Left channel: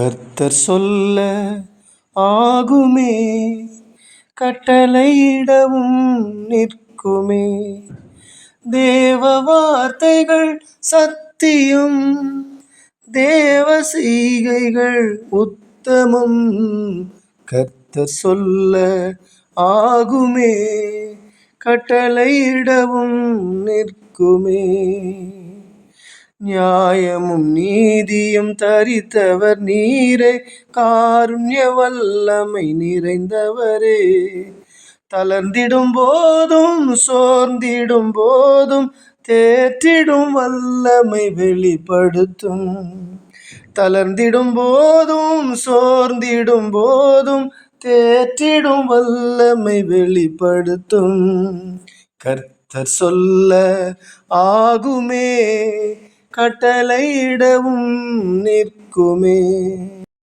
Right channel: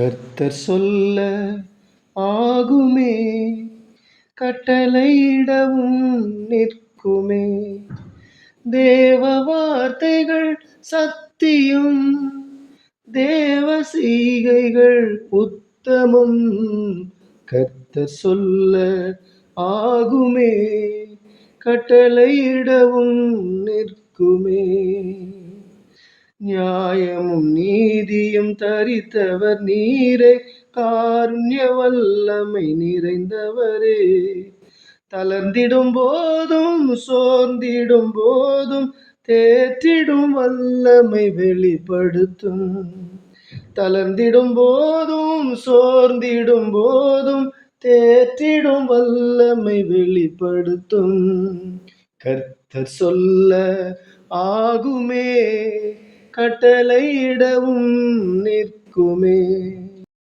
கர்த்தர் சொல்ல ஆகுமே கட்டளையிடவும் நிற்குமே. தேவ வார்த்தைகள் சத்தியம் தேவ சீகைகள் உத்தமம். கர்த்தர் சொல்ல ஆகுமே கட்டளையிடவும் நிற்குமே. நியாயமும் நீதியும் தரித்தவர் நீரே. காருண்ய வல்லமை நிறைந்தவரே. தளர்ந்திடும் போதும் சோர்ந்திடும் போதும் தேற்றிடும் வல்லமை வெளிப்படுத்தும். தளர்ந்திடும் போதும் சோர்ந்திடும் போதும் தேற்றிடும் வல்லமை வெளிப்படுத்தும். கர்த்தர் சொல்ல ஆகுமே. கட்டளையிடவும் நிற்குமே.